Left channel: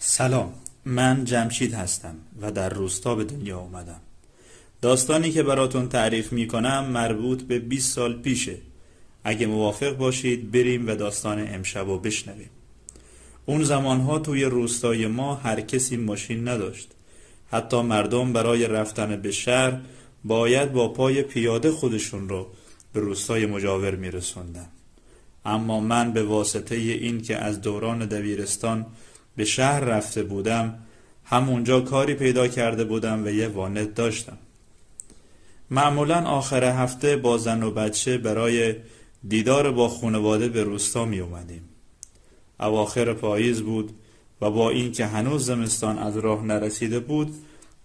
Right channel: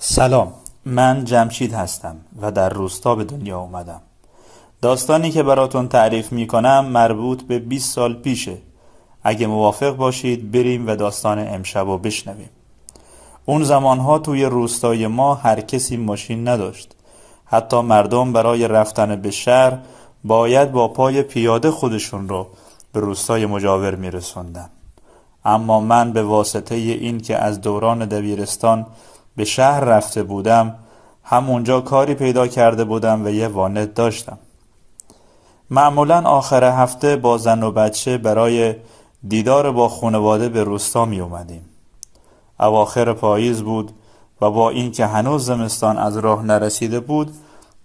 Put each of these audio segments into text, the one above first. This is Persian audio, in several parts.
سلام، من جمشید هستم و در روستا به دنیا اومدم. داستانی که براتون تعریف میکنم مربوط به 20 سال پیشه. اگه موافق باشید بریم و داستان امشب رو بشنویم. اون زمانها توی روستای ما هر کسی ماشین نداشت. حتی مردم برای رفتن به شهر باید با پای پیاده خودشون رو به روستای مجاور میرسوندن. اما من به واسطه این که از دوران دبیرستان به شهر رفته بودم، همونجا کاری پیدا کرده بودم و یه وانت داشتم. معمولا آخر هفته با زن و بچه برای دیدار با خانواده به روستا می اومدیم. اواخر پاییز بود و با این که هنوز زمستان از راه نرسیده بود،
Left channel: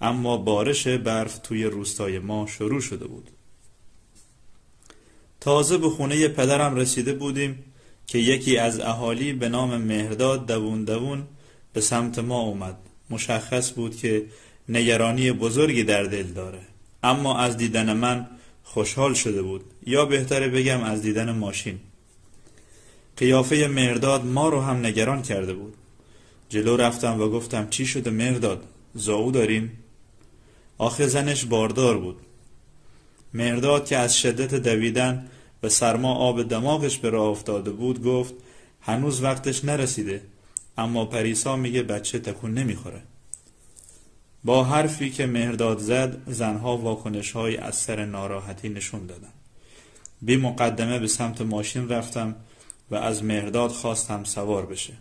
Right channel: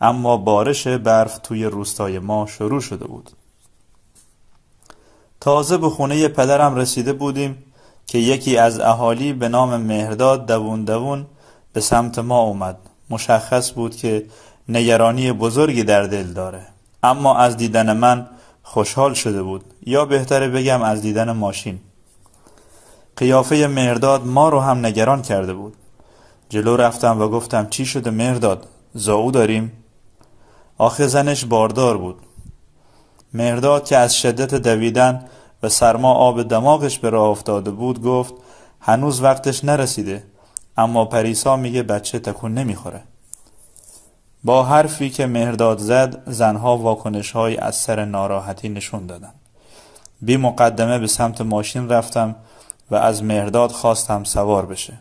اما بارش برف توی روستای ما شروع شده بود. تازه به خونه پدرم رسیده بودیم که یکی از اهالی به نام مهرداد دوون دوون به سمت ما اومد. مشخص بود که نگرانی بزرگی در دل داره، اما از دیدن من خوشحال شده بود، یا بهتره بگم از دیدن ماشین. قیافه مهرداد ما رو هم نگران کرده بود. جلو رفتم و گفتم چی شده مهرداد؟ زائو داریم؟ آخه زنش باردار بود. مهرداد که از شدت دویدن و سرما آب دماغش به راه افتاده بود گفت هنوز وقتش نرسیده، اما پریسا میگه بچه تکون نمیخوره. با حرفی که مهرداد زد زنها واکنش‌های از سر ناراحتی نشون دادن. بی مقدمه به سمت ماشین رفتم و از مهرداد خواستم سوار بشه.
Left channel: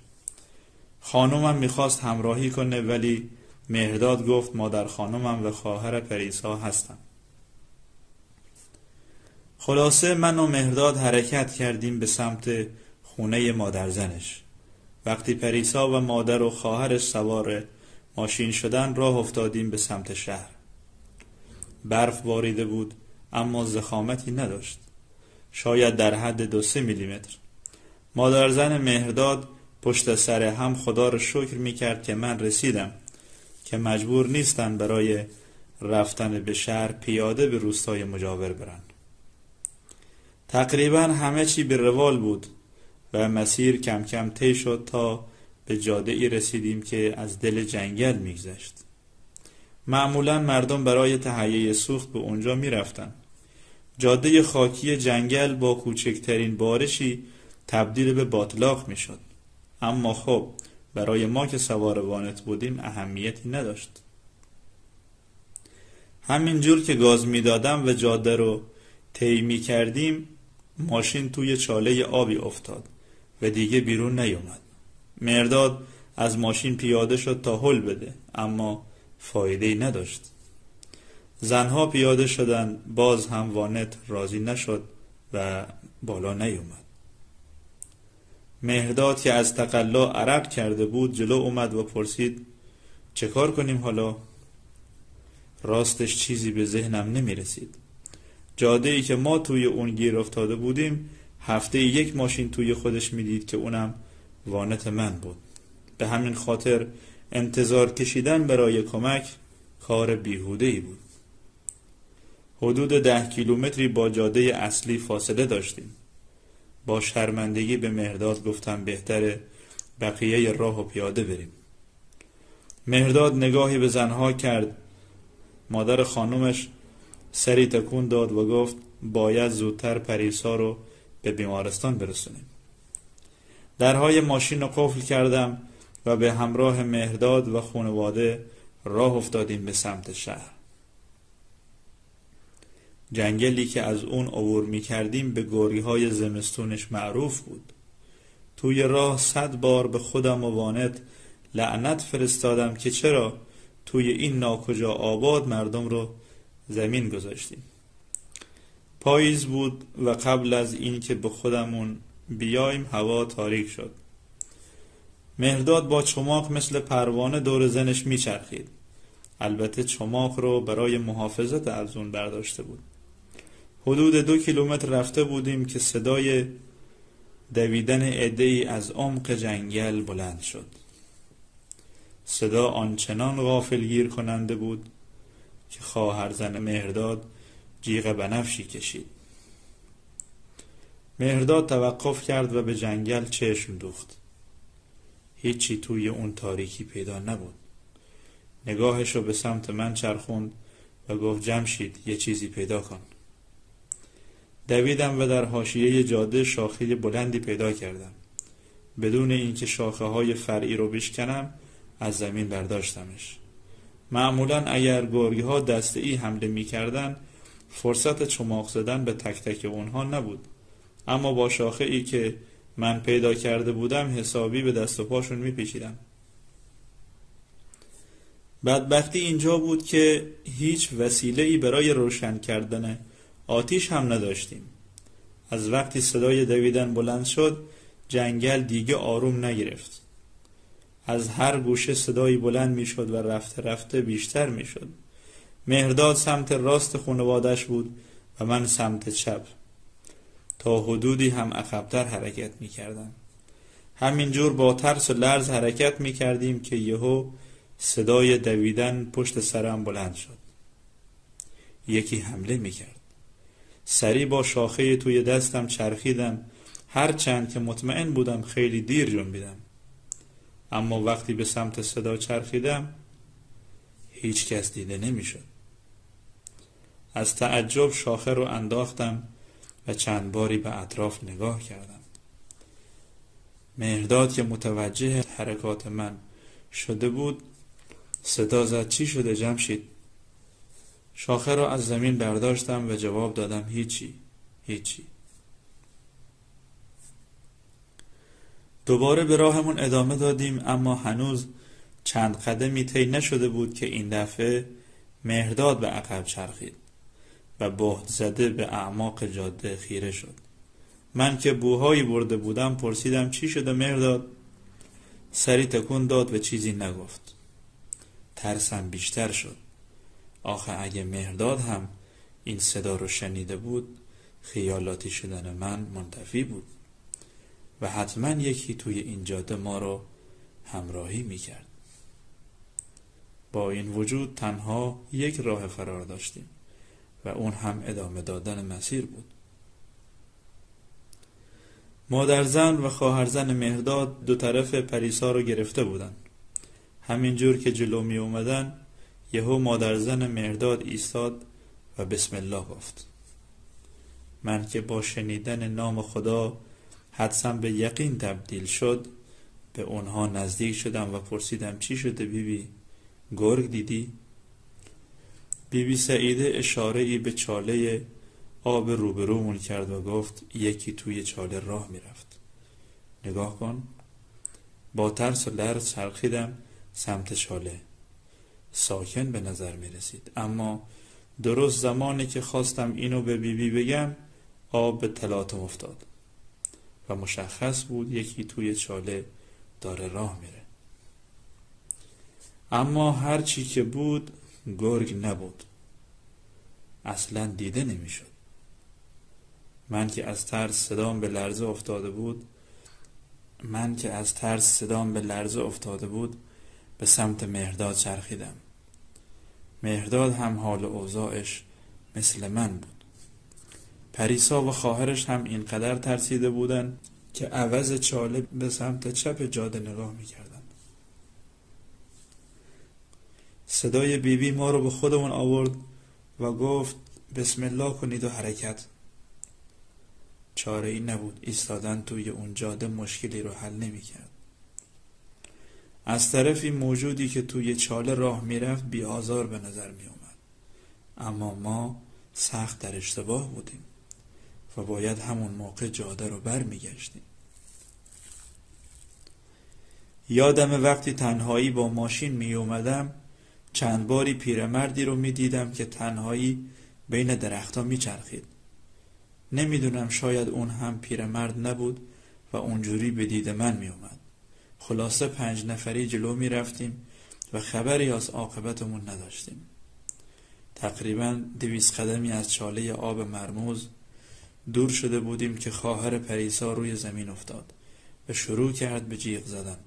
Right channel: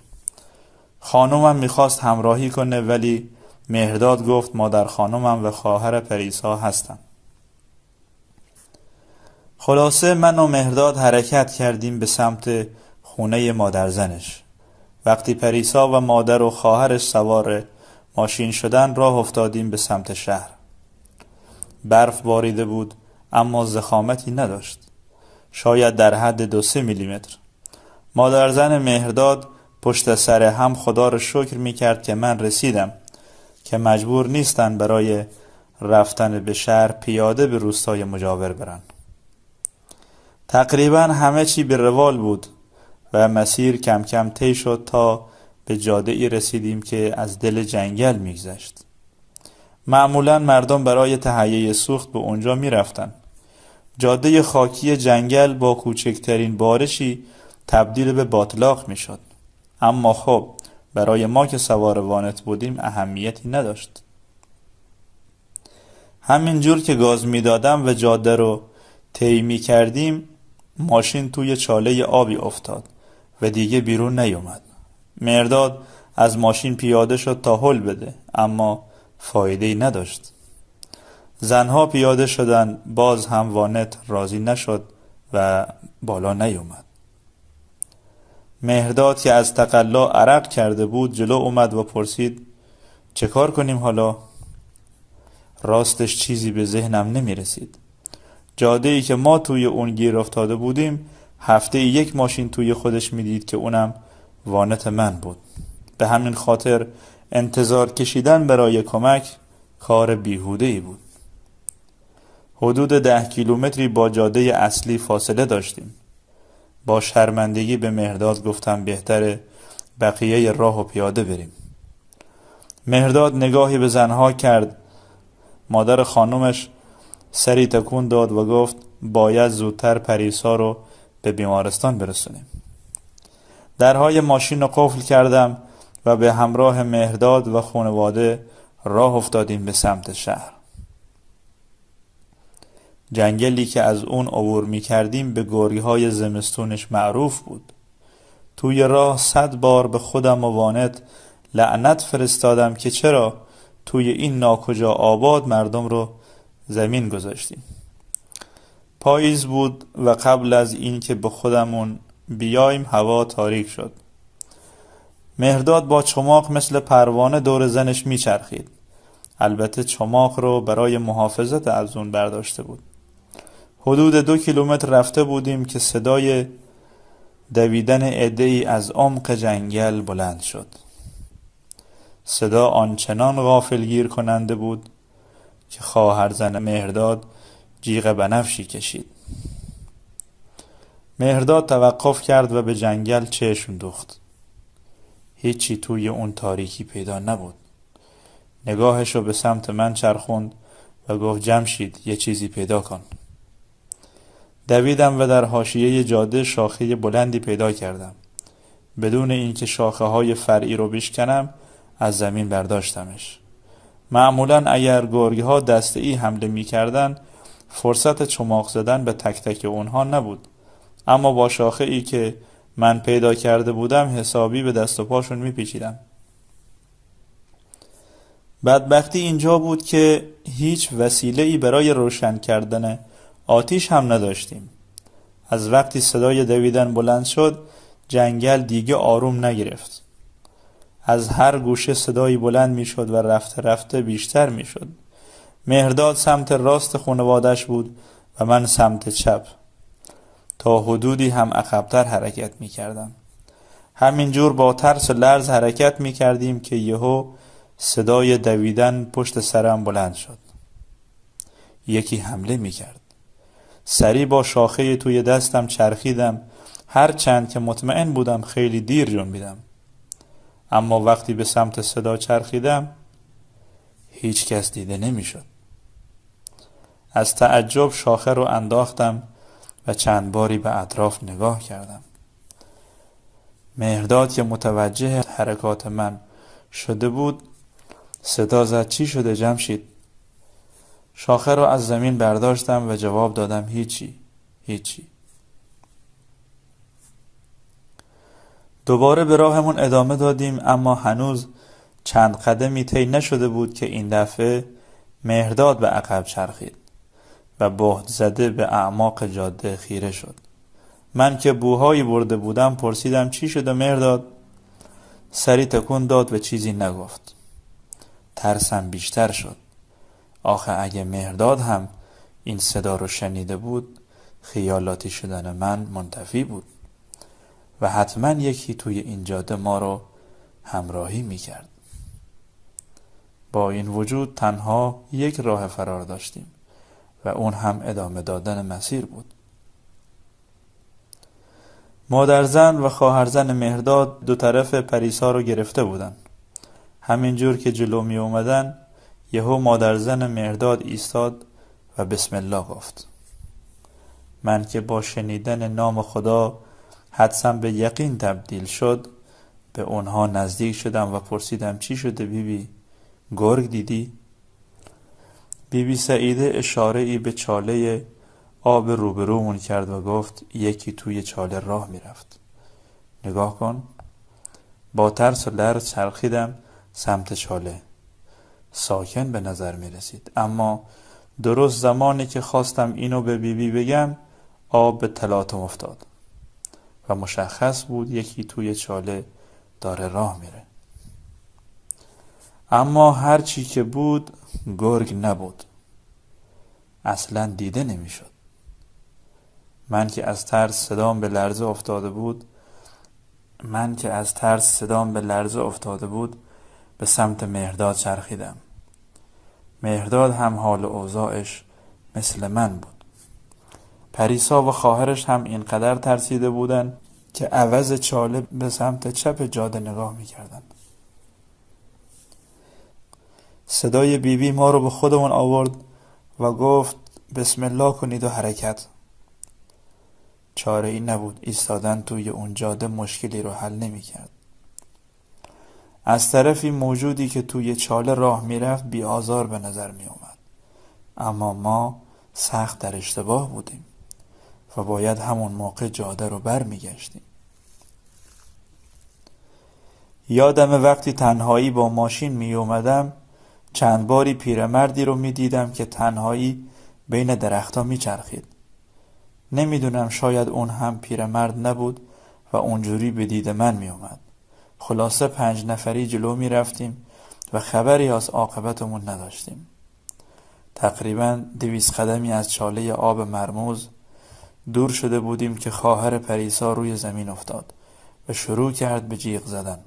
خانومم میخواست همراهی کنه، ولی مهرداد گفت مادر خانومم و خواهر پریسا هستن. خلاصه من و مهرداد حرکت کردیم به سمت خونه مادر زنش. وقتی پریسا و مادر و خواهرش سوار ماشین شدن راه افتادیم به سمت شهر. برف باریده بود اما ضخامتی نداشت، شاید در حد 2-3 میلیمتر. مادر زن مهرداد پشت سر هم خدا رو شکر میکرد که من رسیدم، که مجبور نیستن برای رفتن به شهر پیاده به روستای مجاور برن. تقریبا همه چی به روال بود و مسیر کم کم طی شد تا به جاده ای رسیدیم که از دل جنگل میگذشت. معمولا مردم برای تهیه سوخت به اونجا میرفتن. جاده خاکی جنگل با کوچکترین بارشی تبدیل به باتلاق میشد، اما خب برای ما که سوار وانت بودیم اهمیتی نداشت. همینجور که گاز میدادم و جاده رو طی میکردیم ماشین توی چاله آبی افتاد و دیگه بیرون نیومد. مهرداد از ماشین پیاده شد تا هل بده، اما فایده‌ای نداشت. زنها پیاده شدن، باز هم وانت راضی نشد و بالا نیومد. مهرداد که از تقلا عرق کرده بود جلو اومد و پرسید چه کار کنیم حالا؟ راستش چیزی به ذهنم نمی رسید. جاده‌ای که ما توی اون گیر افتاده بودیم هفته یک ماشین توی خودش میدید که اونم وانت من بود. به همین خاطر انتظار کشیدن برای کمک کار بیهوده‌ای بود. حدود 10 کیلومتری با جاده اصلی فاصله داشتیم. با شرمندگی به مهرداد گفتم بهتره بقیه راهو پیاده بریم. مهرداد نگاهی به زنها کرد. مادر خانومش سری تکون داد و گفت باید زودتر پریسا رو به بیمارستان برسونیم. درهای ماشین رو قفل کردم و به همراه مهرداد و خانواده راه افتادیم به سمت شهر. جنگلی که از اون عبور می کردیم به گوریهای زمستونش معروف بود. توی راه 100 بار به خودم و وانت لعنت فرستادم که چرا توی این ناکجا آباد مردم رو زمین گذاشتیم. پاییز بود و قبل از این که به خودمون بیایم هوا تاریک شد. مهرداد با چماق مثل پروانه دور زنش میچرخید. البته چماق رو برای محافظت از اون برداشته بود. حدود 2 کیلومتر رفته بودیم که صدای دویدن عده‌ای از عمق جنگل بلند شد. صدا آنچنان غافلگیر کننده بود که خواهر زن مهرداد جیغ بنفشی کشید. مهرداد توقف کرد و به جنگل چشم دوخت. هیچی توی اون تاریکی پیدا نبود. نگاهشو به سمت من چرخوند و گفت جمشید یه چیزی پیدا کن. دویدم و در حاشیه جاده شاخه بلندی پیدا کردم. بدون اینکه شاخه های فرعی رو بشکنم از زمین برداشتمش. معمولاً اگر گرگ ها دسته‌ای حمله می کردن فرصت چماق زدن به تک تک اونها نبود، اما با شاخه ای که من پیدا کرده بودم حسابی به دست و پاشون می پیچیدم. بدبختی اینجا بود که هیچ وسیله‌ای برای روشن کردن آتش هم نداشتیم. از وقتی صدای دویدن بلند شد جنگل دیگه آروم نگرفت. از هر گوشه صدایی بلند می شد و رفته رفته بیشتر می شد. مهرداد سمت راست خانوادش بود و من سمت چپ. تا حدودی هم عقب‌تر حرکت می کردم. همینجور با ترس و لرز حرکت می کردیم که یهو صدای دویدن پشت سرم بلند شد. یکی حمله می کرد. سری با شاخه توی دستم چرخیدم، هر چند که مطمئن بودم خیلی دیر جنبیدم. اما وقتی به سمت صدا چرخیدم هیچ کس دیده نمی شد. از تعجب شاخه رو انداختم و چند باری به اطراف نگاه کردم. مهرداد که متوجه حرکات من شده بود صدا زد چی شده جمشید؟ شاخه رو از زمین برداشتم و جواب دادم هیچی. دوباره به راهمون ادامه دادیم، اما هنوز چند قدمی طی نشده بود که این دفعه مهرداد به عقب چرخید و بهت زده به اعماق جاده خیره شد. من که بوهایی برده بودم پرسیدم چی شده مهرداد؟ سری تکون داد و چیزی نگفت. ترسم بیشتر شد. آخه اگه مهرداد هم این صدا رو شنیده بود خیالاتی شدن من منتفی بود و حتما یکی توی این جاده ما رو همراهی میکرد. با این وجود تنها یک راه فرار داشتیم و اون هم ادامه دادن مسیر بود. مادرزن و خواهرزن مهرداد دو طرف پریسا رو گرفته بودن. همینجور که جلو می اومدن یهو مادرزن مهرداد ایستاد و بسم الله گفت. من که با شنیدن نام خدا حدسم به یقین تبدیل شد به اونها نزدیک شدم و پرسیدم چی شده بیبی؟ گرگ دیدی؟ بیبی سعیده اشاره ای به چاله آب روبرومون کرد و گفت یکی توی چاله راه میرفت. نگاه کن. با ترس و لرز چرخیدم سمت چاله. ساکن به نظر می رسید، اما درست زمانی که خواستم اینو به بیبی بگم آب به تلاطم افتاد و مشخص بود یکی توی چاله داره راه میره. اما هر چی که بود گرگ نبود. اصلا دیده نمی شد. من که از ترس صدام به لرزه افتاده بود به سمت مهرداد چرخیدم. مهرداد هم حال و اوضاعش مثل من بود. پریسا و خواهرش هم اینقدر ترسیده بودن که عوض چاله به سمت چپ جاده نگاه میکردن. صدای بیبی ما رو به خودمون آورد و گفت بسم الله کنید و حرکت. چاره ای نبود. ایستادن توی اون جاده مشکلی رو حل نمی کرد. از طرفی موجودی که توی چاله راه می رفت بی آزار به نظر می اومد، اما ما سخت در اشتباه بودیم و باید همون موقع جاده رو بر می گشتیم. یادم وقتی تنهایی با ماشین می اومدم چند باری پیرمردی رو می دیدم که تنهایی بین درختها می چرخید. نمیدونم شاید اون هم پیرمرد نبود و اونجوری به دید من می اومد. خلاصه 5 نفری جلو می رفتیم و خبری از عاقبتمون نداشتیم. تقریباً 200 قدمی از چاله آب مرموز دور شده بودیم که خواهر پریسا روی زمین افتاد و شروع کرد به جیغ زدن.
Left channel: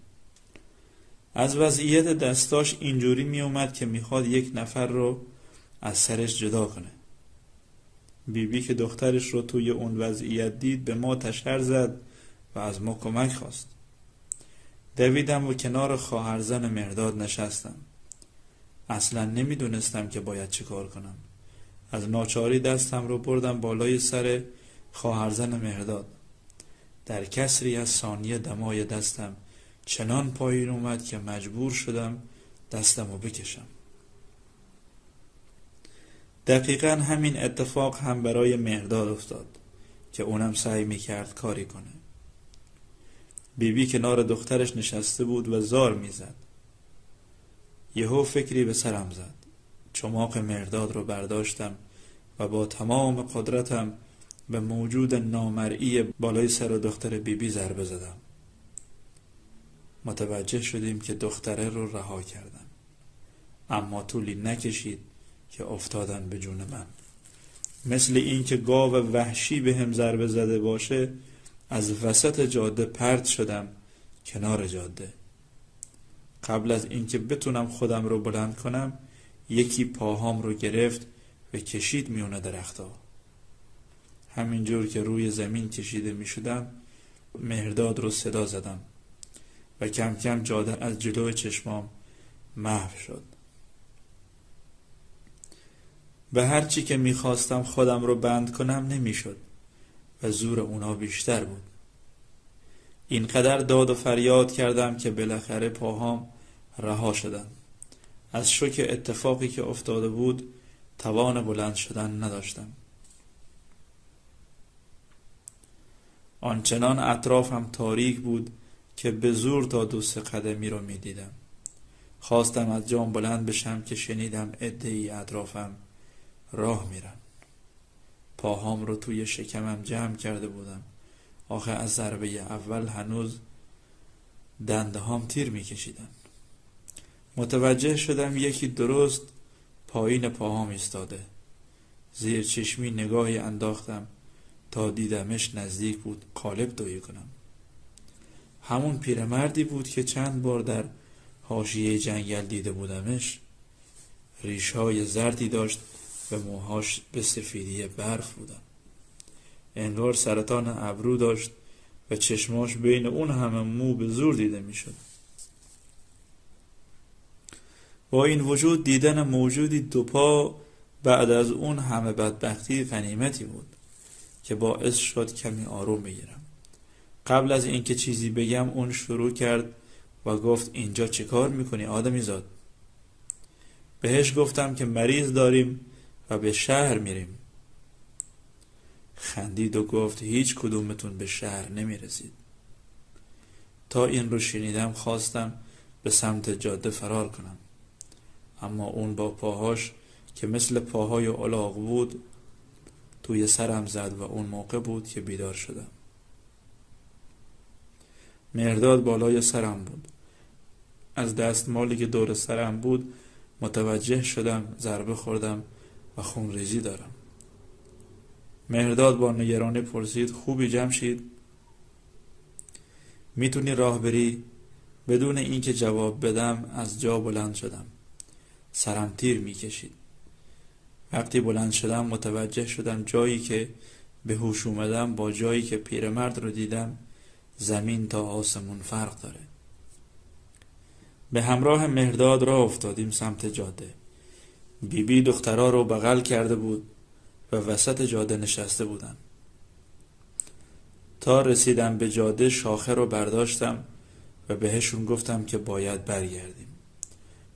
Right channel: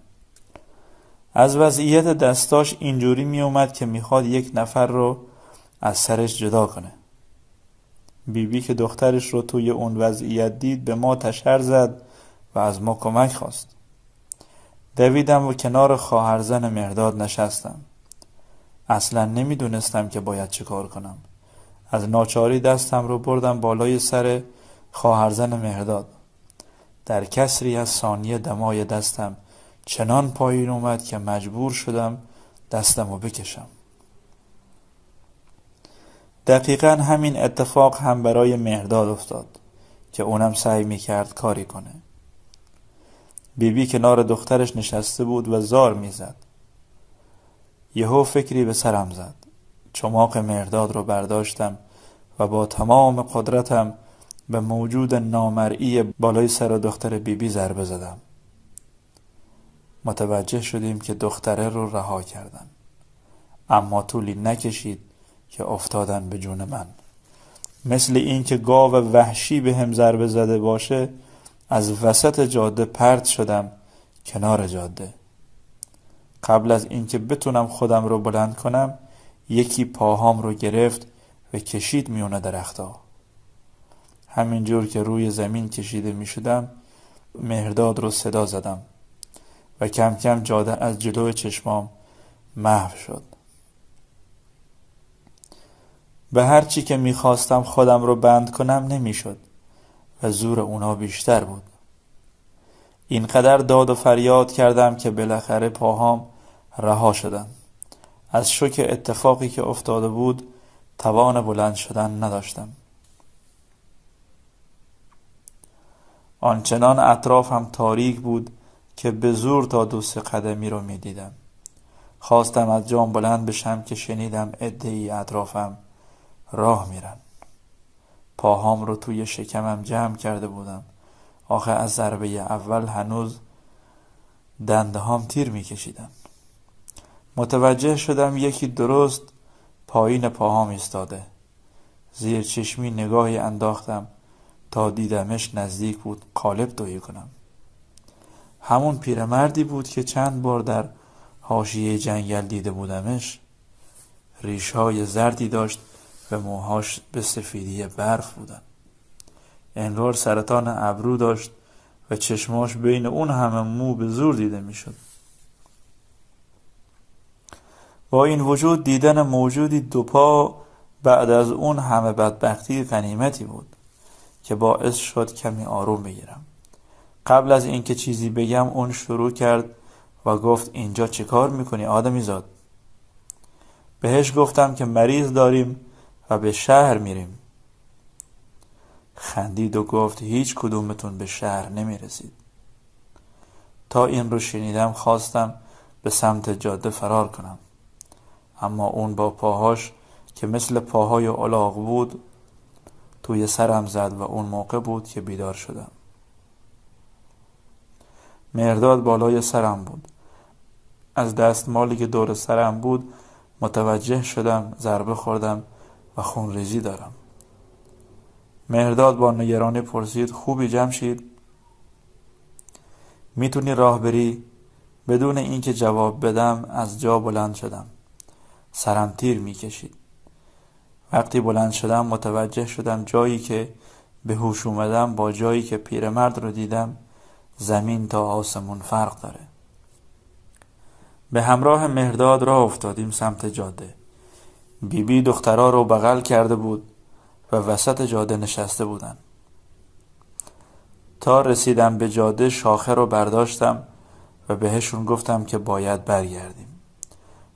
از وضعیت دستاش اینجوری می اومد که میخواد یک نفر رو از سرش جدا کنه. بیبی که دخترش رو توی اون وضعیت دید به ما تشر زد و از ما کمک خواست. دویدم و کنار خواهرزن مهرداد نشستم. اصلا نمیدونستم که باید چه کار کنم. از ناچاری دستم رو بردم بالای سر خواهرزن مهرداد. در کسری از ثانیه دمای دستم چنان پایین اومد که مجبور شدم دستم رو بکشم. دقیقاً همین اتفاق هم برای مهرداد افتاد که اونم سعی میکرد کاری کنه. بیبی کنار دخترش نشسته بود و زار میزد. یهو فکری به سرم زد. چماق مهرداد رو برداشتم و با تمام قدرتم به موجود نامرئی بالای سر دختر بیبی ضربه زدم. متوجه شدیم که دختره رو رها کردن، اما طولی نکشید که افتادن به جون من. مثل این که گاو وحشی به هم ضربه زده باشه از وسط جاده پرت شدم کنار جاده. قبل از اینکه بتونم خودم رو بلند کنم یکی پاهام رو گرفت و کشید میونه درخت‌ها. همینجور که روی زمین کشیده می شدم مهرداد رو صدا زدم و کم کم جاده از جلوی چشمام محو شد. به هر چی که می خواستم خودم رو بند کنم نمی شد و زور اونا بیشتر بود. اینقدر داد و فریاد کردم که بالاخره پاهام رها شدن. از شوک اتفاقی که افتاده بود توان بلند شدن نداشتم. آنچنان اطرافم تاریک بود که به زور تا 2-3 قدمی رو می دیدم. خواستم از جام بلند بشم که شنیدم عده‌ای اطرافم راه میرن. پاهام رو توی شکمم جمع کرده بودم. آخه از ضربه اول هنوز دنده‌هام تیر می کشیدن. متوجه شدم یکی درست پایین پاهام ایستاده. زیر چشمی نگاهی انداختم تا دیدمش نزدیک بود قالب دویی کنم. همون پیرمردی بود که چند بار در حاشیه جنگل دیده بودمش. ریش‌های زردی داشت و موهاش به سفیدی برف بودن. انگار سرطان ابرو داشت و چشماش بین اون همه مو به زور دیده میشد. با این وجود دیدن موجودی 2 پا بعد از اون همه بدبختی غنیمتی بود که باعث شد کمی آروم بگیرم. قبل از اینکه چیزی بگم اون شروع کرد و گفت اینجا چه کار میکنی آدمی زاد؟ بهش گفتم که مریض داریم و به شهر میریم. خندید و گفت هیچ کدومتون به شهر نمیرسید. تا این رو شنیدم خواستم به سمت جاده فرار کنم، اما اون با پاهاش که مثل پاهای الاغ بود توی سرم زد و اون موقع بود که بیدار شدم. مهرداد بالای سرم بود. از دستمالی که دور سرم بود متوجه شدم ضربه خوردم و خونریزی دارم. مهرداد با نگرانی پرسید خوبی جمشید؟ میتونی راه بری؟ بدون اینکه جواب بدم از جا بلند شدم. سرم تیر میکشید. وقتی بلند شدم متوجه شدم جایی که به هوش اومدم با جایی که پیرمرد رو دیدم زمین تا آسمون فرق داره. به همراه مهرداد راه افتادیم سمت جاده. بیبی دخترها رو بغل کرده بود و وسط جاده نشسته بودن. تا رسیدم به جاده شاخه رو برداشتم و بهشون گفتم که باید برگردیم.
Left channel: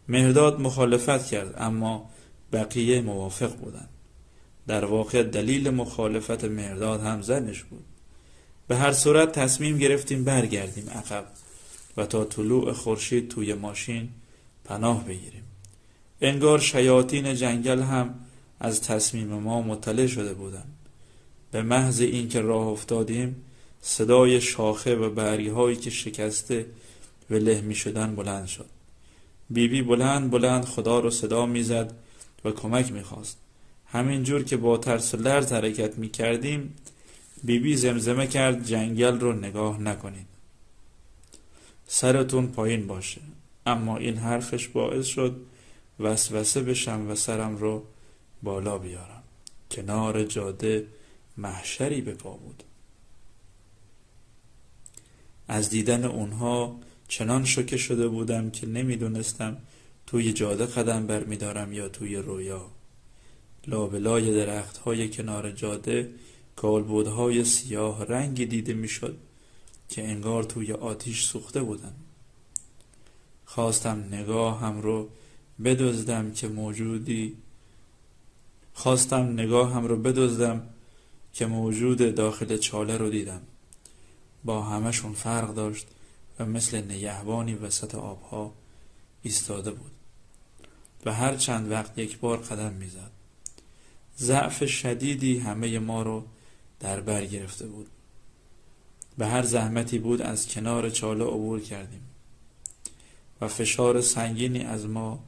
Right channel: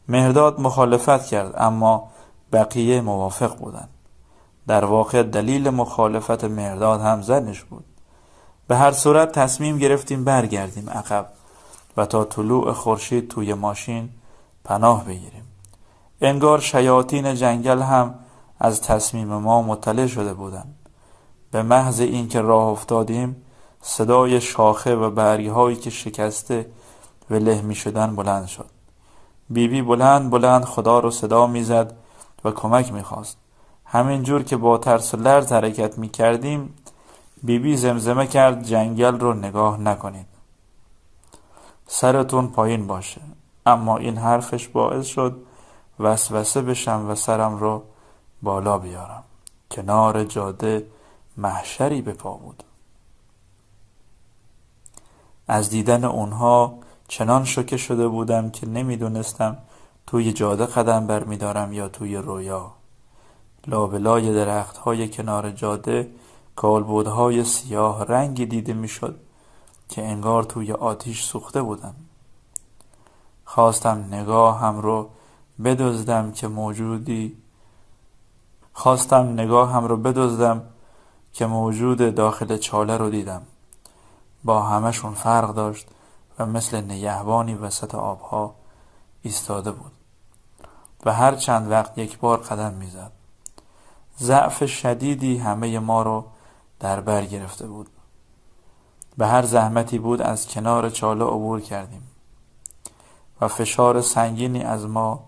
مهرداد مخالفت کرد اما بقیه موافق بودن. در واقع دلیل مخالفت مهرداد هم زنش بود. به هر صورت تصمیم گرفتیم برگردیم عقب و تا طلوع خورشید توی ماشین پناه بگیریم. انگار شیاطین جنگل هم از تصمیم ما مطلع شده بودند. به محض اینکه راه افتادیم صدای شاخه و برگ‌هایی که شکسته و له می شدن بلند شد. بیبی بلند بلند خدا رو صدا می زد و کمک می خواست. همین جور که با ترس و لرز حرکت می کردیم بیبی زمزمه کرد جنگل رو نگاه نکنید. سرتون پایین باشه. اما این حرفش باعث شد وسوسه بشم و سرم رو بالا بیارم. کنار جاده محشری به پا بود. از دیدن اونها چنان شوکه شده بودم که نمیدونستم توی جاده قدم برمیدارم یا توی رویا. لابلای درخت‌های کنار جاده کالبدهای سیاه رنگی دیده میشد که انگار توی آتیش سوخته بودن. خواستم نگاهم رو بدزدم که موجود داخل چاله رو دیدم. با همشون فرق داشت و مثل نگهبانی وسط آبها ایستاده بود و هر چند وقت یک بار قدم میزد. ضعف شدیدی همه ما رو در بر گرفته بود. به هر زحمتی بود از کنار چاله عبور کردیم و فشار سنگینی از ما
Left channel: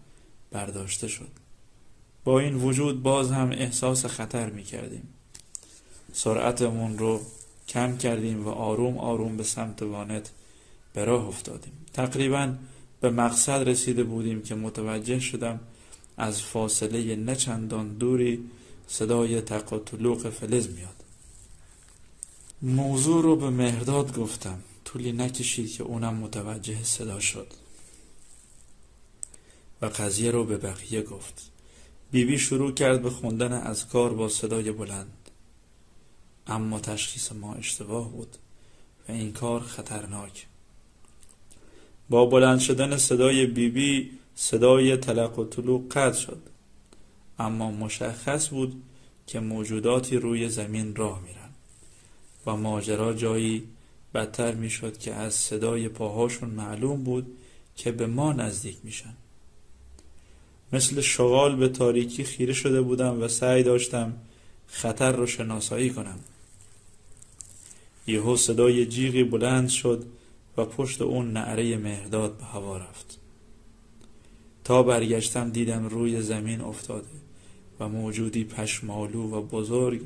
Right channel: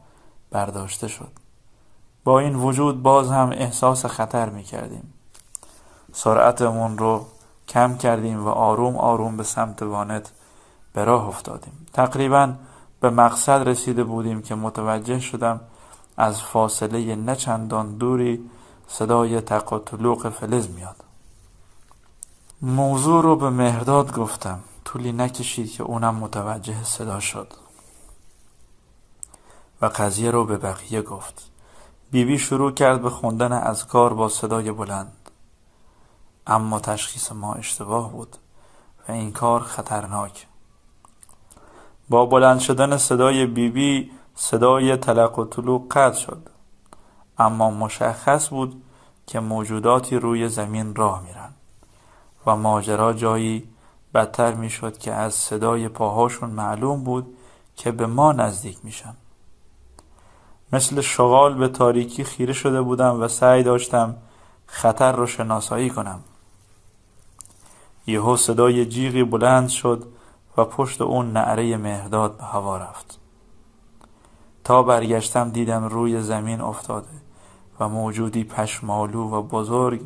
برداشته شد. با این وجود باز هم احساس خطر میکردیم. سرعتمون رو کم کردیم و آروم آروم به سمت وانت به راه افتادیم. تقریباً به مقصد رسیده بودیم که متوجه شدم از فاصله نه چندان دوری صدای تق و طلوق فلز میاد. موضوع رو به مهرداد گفتم. طولی نکشید که اونم متوجه صدا شد و قضیه رو به بقیه گفت. بیبی شروع کرد به خوندن اذکار با صدای بلند. اما تشخیص ما اشتباه بود و این کار خطرناک. با بلند شدن صدای بیبی صدای تلق و طلوق قطع شد، اما مشخص بود که موجوداتی روی زمین راه میرن و ماجرا جایی بدتر میشد که از صدای پاهاشون معلوم بود که به ما نزدیک میشن. مثل شغال به تاریکی خیره شده بودم و سعی داشتم خطر رو شناسایی کنم. یهو صدای جیغی بلند شد و پشت اون نعره مهرداد به هوا رفت. تا برگشتم دیدم روی زمین افتاده و موجودی پشمالو و بزرگ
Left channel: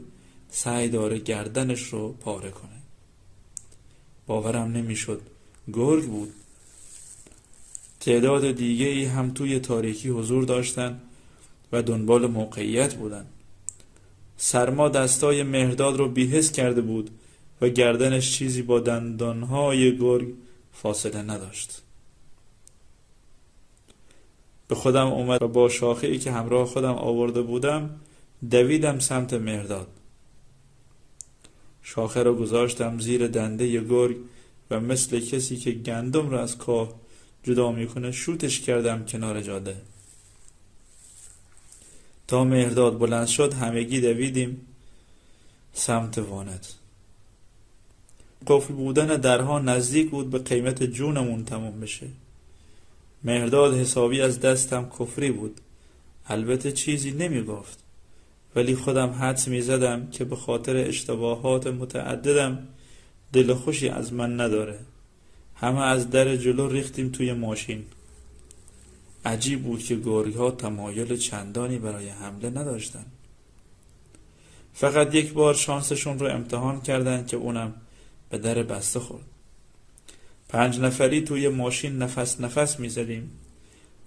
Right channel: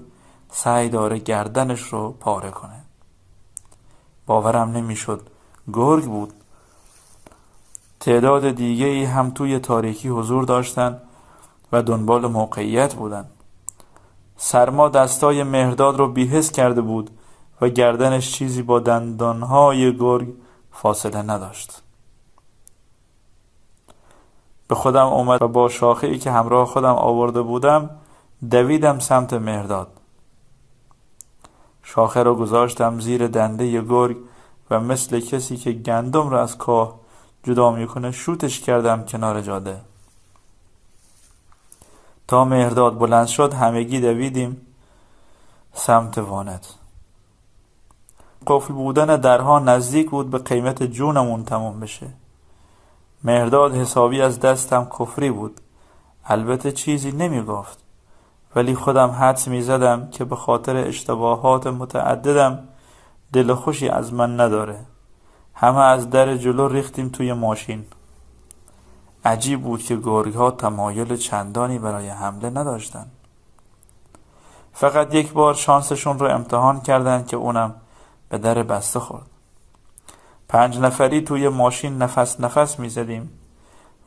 سعی داره گردنش رو پاره کنه. باورم نمیشد گرگ بود. تعداد دیگه‌ای هم توی تاریکی حضور داشتن و دنبال موقعیت بودن. سرما دستای مهرداد رو بی‌حس کرده بود و گردنش چیزی با دندانهای گرگ فاصله نداشت. به خودم اومد و با شاخه‌ای که همراه خودم آورده بودم دویدم سمت مهرداد. شاخه رو گذاشتم زیر دنده گرگ و مثل کسی که گندم رو از کاه جدا میکنه شوتش کردم کنار جاده. تا مهرداد بلند شد همگی دویدیم سمت وانت. قفل بودن درها نزدیک بود به قیمت جونمون تموم بشه. مهرداد حسابی از دستم کفری بود. البته چیزی نمیگفت، ولی خودم حدس میزدم که به خاطر اشتباهات متعددم دل خوشی از من نداره. همه از در جلو ریختیم توی ماشین. عجیب بود که گرگ‌ها تمایل چندانی برای حمله نداشتن. فقط یک بار شانسشون رو امتحان کردن که اونم به در بسته خورد. 5 نفری توی ماشین نفس میزدیم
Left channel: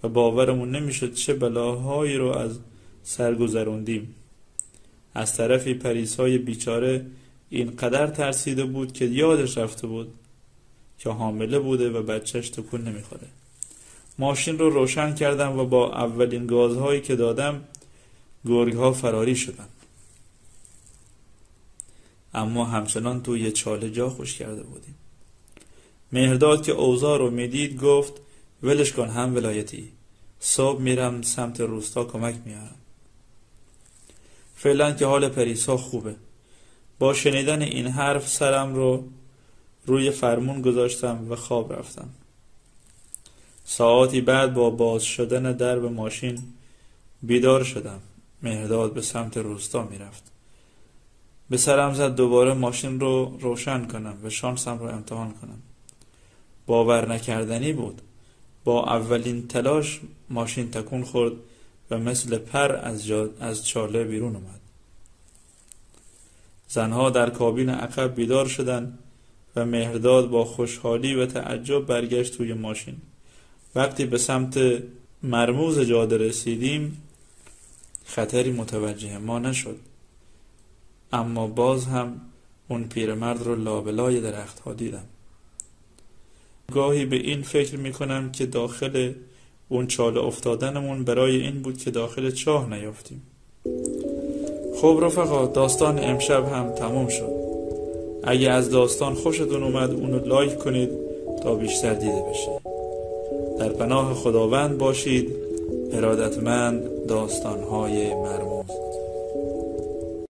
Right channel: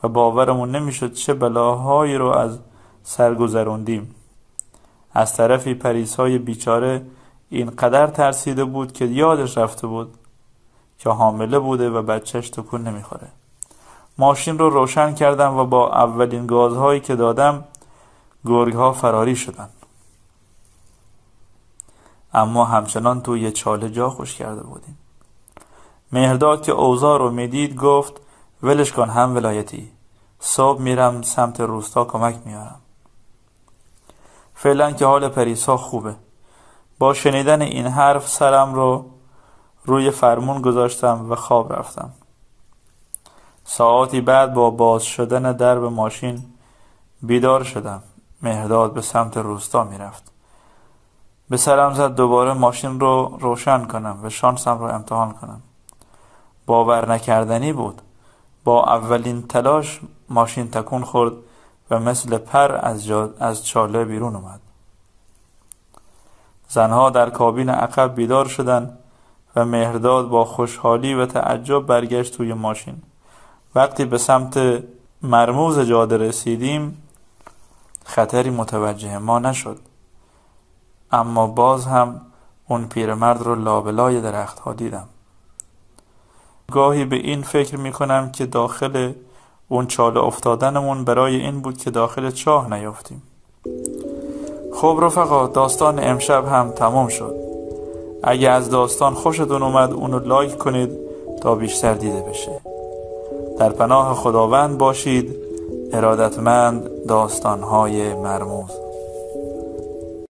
و باورمون نمیشد چه بلاهایی رو از سر گذروندیم. از طرفی پریسای بیچاره اینقدر ترسیده بود که یادش رفته بود که حامله بوده و بچهش تکون نمیخوره. ماشین رو روشن کردم و با اولین گازهایی که دادم گرگ‌ها فراری شدن. اما همچنان توی چاله جا خوش کرده بودیم. مهرداد که اوضاع رو میدید گفت ولش کن هم ولایتی، صبح میرم سمت روستا کمک میارم. فعلا که حال پریسا خوبه. با شنیدن این حرف سرم رو روی فرمون گذاشتم و خواب رفتم. ساعتی بعد با باز شدن درب ماشین بیدار شدم. مهرداد به سمت روستا میرفت. به سرم زد دوباره ماشین رو روشن کنم و شانسم رو امتحان کنم. باور نکردنی بود. با اولین تلاش ماشین تکون خورد و مثل پر از چاله بیرون اومد. زنها در کابین عقب بیدار شدن و مهرداد با خوشحالی و تعجب برگشت توی ماشین. وقتی به سمت مرموز جاده رسیدیم خطری متوجه ما نشد، اما باز هم اون پیرمرد رو لابلای درخت‌ها دیدم. گاهی به این فکر میکنم که داخل اون چاله افتادنمون برای این بود که داخل چاه نیافتیم. خب رفقا، داستان امشب هم تمام شد. اگه از داستان خوشتون اومد اونو لایک کنید تا بیشتر دیده بشه. در پناه خداوند باشید. ارادتمند، داستان‌های مرموز.